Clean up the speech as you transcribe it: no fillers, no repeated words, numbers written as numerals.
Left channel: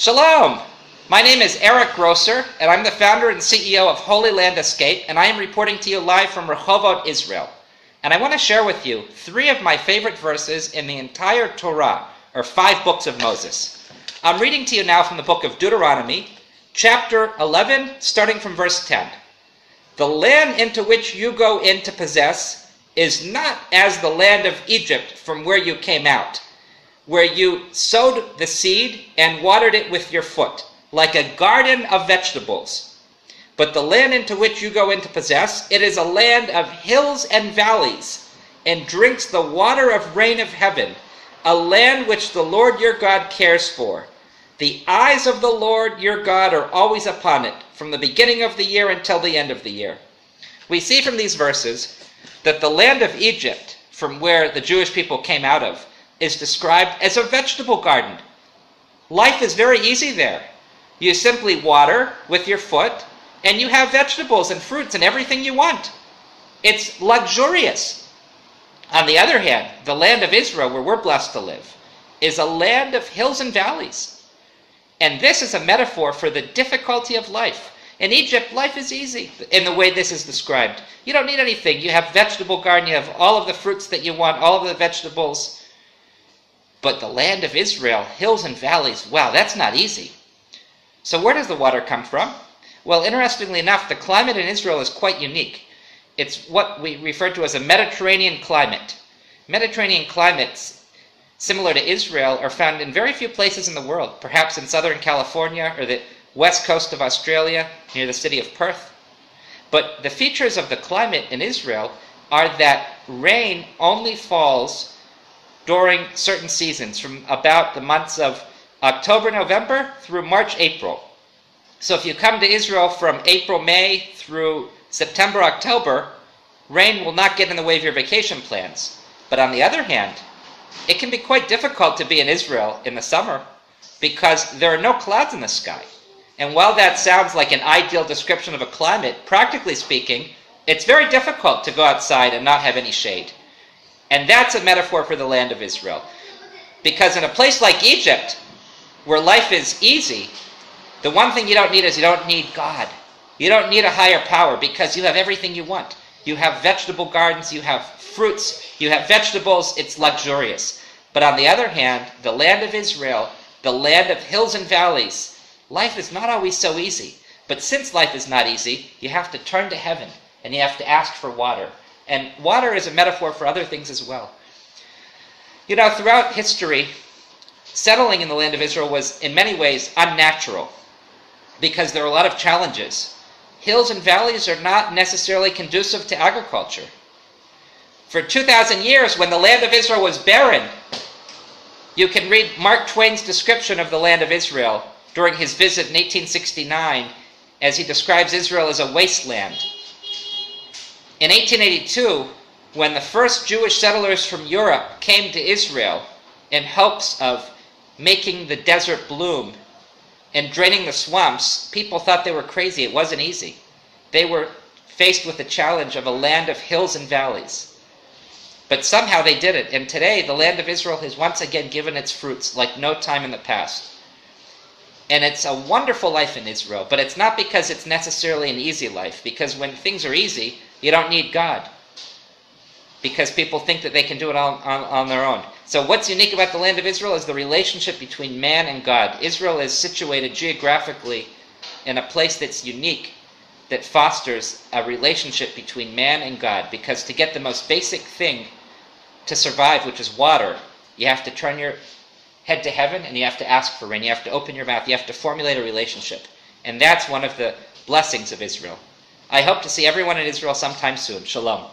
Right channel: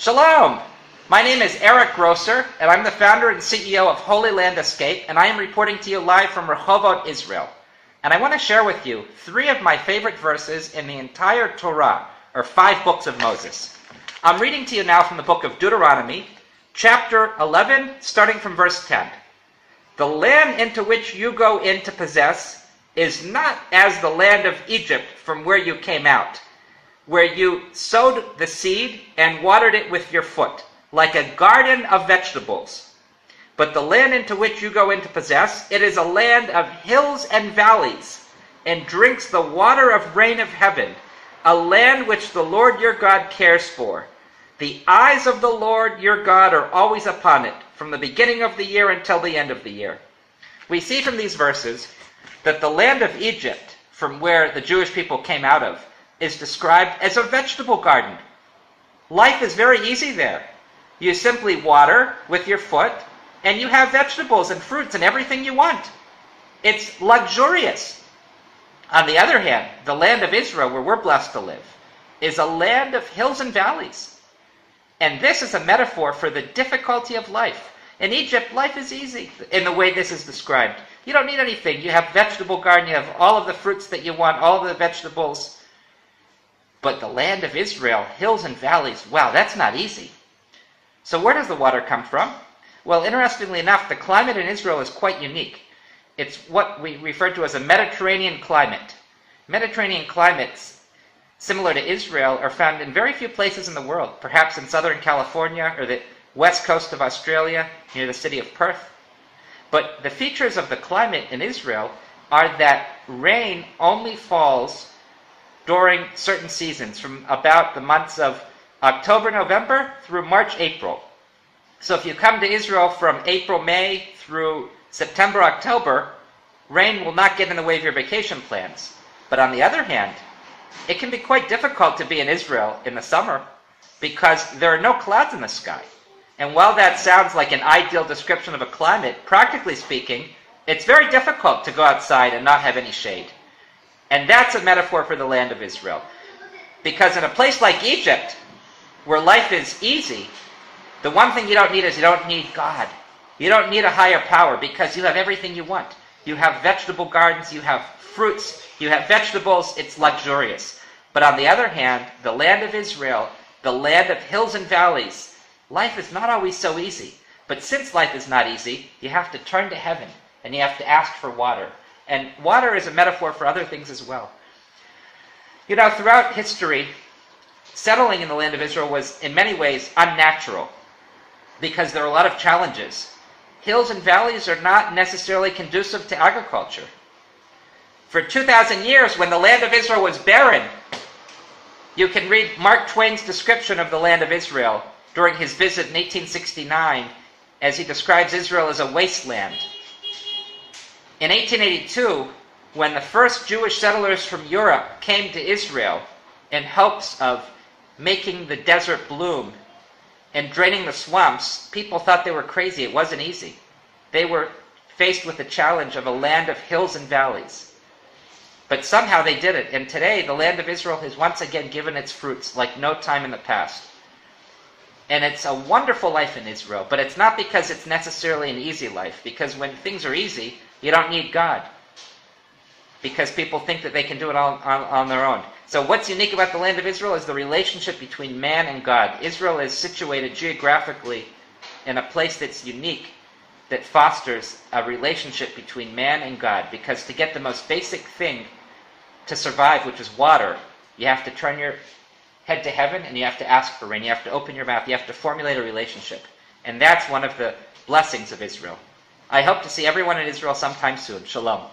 Shalom! My name is Eric Grosser, and I'm the founder and CEO of Holy Land Escape, and I am reporting to you live from Rehovot, Israel. And I want to share with you 3 of my favorite verses in the entire Torah, or 5 books of Moses. I'm reading to you now from the book of Deuteronomy, chapter 11, starting from verse 10. The land into which you go in to possess is not as the land of Egypt from where you came out, where you sowed the seed and watered it with your foot, like a garden of vegetables. But the land into which you go in to possess, it is a land of hills and valleys, and drinks the water of rain of heaven, a land which the Lord your God cares for. The eyes of the Lord your God are always upon it, from the beginning of the year until the end of the year. We see from these verses that the land of Egypt, from where the Jewish people came out of, is described as a vegetable garden. Life is very easy there. You simply water with your foot, and you have vegetables and fruits and everything you want. It's luxurious. On the other hand, the land of Israel, where we're blessed to live, is a land of hills and valleys. And this is a metaphor for the difficulty of life. In Egypt, life is easy in the way this is described. You don't need anything. You have vegetable garden, you have all of the fruits that you want, all of the vegetables. But the land of Israel, hills and valleys, wow, that's not easy. So where does the water come from? Well, interestingly enough, the climate in Israel is quite unique. It's what we refer to as a Mediterranean climate. Mediterranean climates, similar to Israel, are found in very few places in the world, perhaps in Southern California or the west coast of Australia, near the city of Perth. But the features of the climate in Israel are that rain only falls during certain seasons, from about the months of October, November through March, April. So if you come to Israel from April, May through September, October, rain will not get in the way of your vacation plans. But on the other hand, it can be quite difficult to be in Israel in the summer because there are no clouds in the sky. And while that sounds like an ideal description of a climate, practically speaking, it's very difficult to go outside and not have any shade. And that's a metaphor for the land of Israel. Because in a place like Egypt, where life is easy, the one thing you don't need is you don't need God. You don't need a higher power because you have everything you want. You have vegetable gardens, you have fruits, you have vegetables, it's luxurious. But on the other hand, the land of Israel, the land of hills and valleys, life is not always so easy. But since life is not easy, you have to turn to heaven and you have to ask for water. And water is a metaphor for other things as well. You know, throughout history, settling in the land of Israel was in many ways unnatural because there are a lot of challenges. Hills and valleys are not necessarily conducive to agriculture. For 2,000 years, when the land of Israel was barren, you can read Mark Twain's description of the land of Israel during his visit in 1869 as he describes Israel as a wasteland. In 1882, when the first Jewish settlers from Europe came to Israel in hopes of making the desert bloom and draining the swamps, people thought they were crazy. It wasn't easy. They were faced with the challenge of a land of hills and valleys. But somehow they did it, and today the land of Israel has once again given its fruits like no time in the past. And it's a wonderful life in Israel, but it's not because it's necessarily an easy life, because when things are easy, you don't need God, because people think that they can do it all on their own. So what's unique about the land of Israel is the relationship between man and God. Israel is situated geographically in a place that's unique, that fosters a relationship between man and God, because to get the most basic thing to survive, which is water, you have to turn your head to heaven and you have to ask for rain. You have to open your mouth. You have to formulate a relationship. And that's one of the blessings of Israel. I hope to see everyone in Israel sometime soon. Shalom.